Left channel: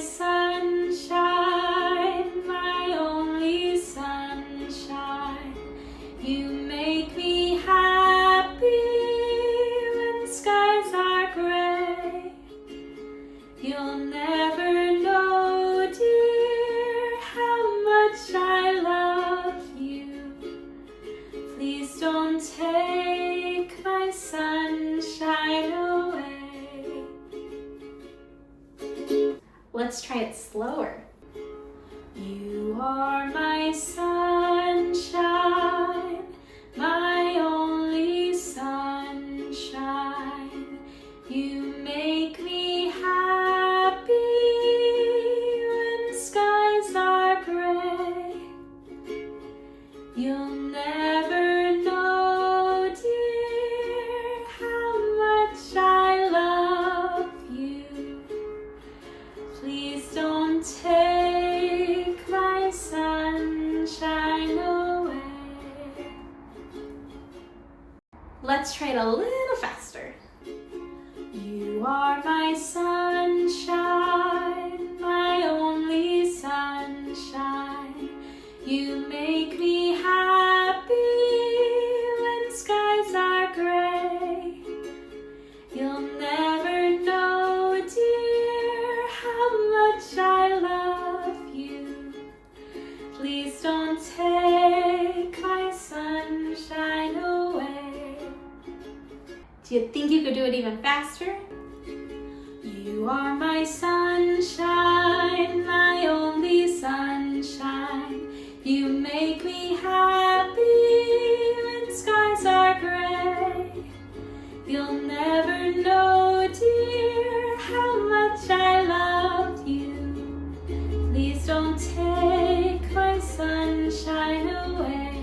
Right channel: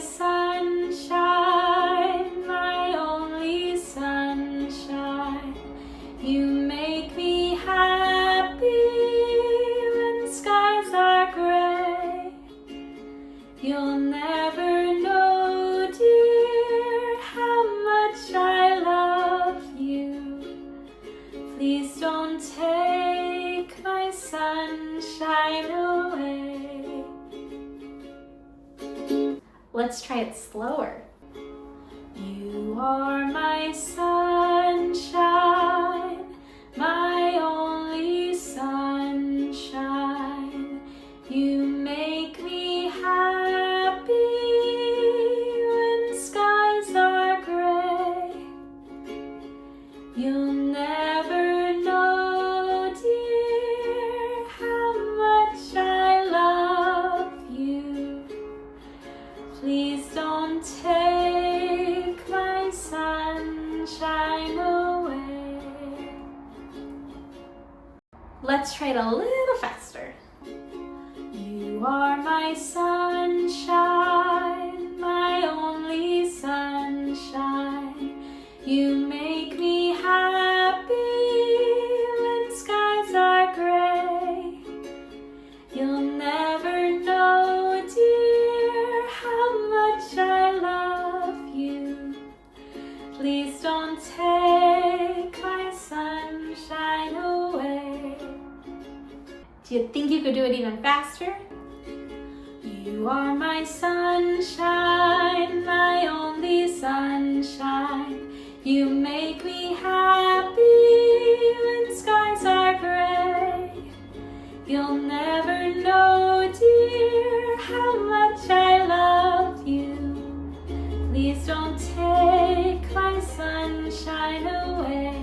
sunshine, my only sunshine. You make me happy when skies are gray. You'll never know, dear, how much I love you. Please don't take my sunshine away. Let's try it slower. You are my sunshine, my only sunshine. You make me happy when skies are gray. You'll never know, dear, how much I love you. Please don't take my sunshine away. Let's try it a little faster. You are my sunshine, my only sunshine. You make me happy when skies are gray. You'll never know, dear, how much I love you. Please don't take my sunshine away. Do you think you could do it even faster? You are my sunshine, my only sunshine. You make me happy when skies are gray. You'll never know, dear, how much I love you. Please don't take my sunshine away.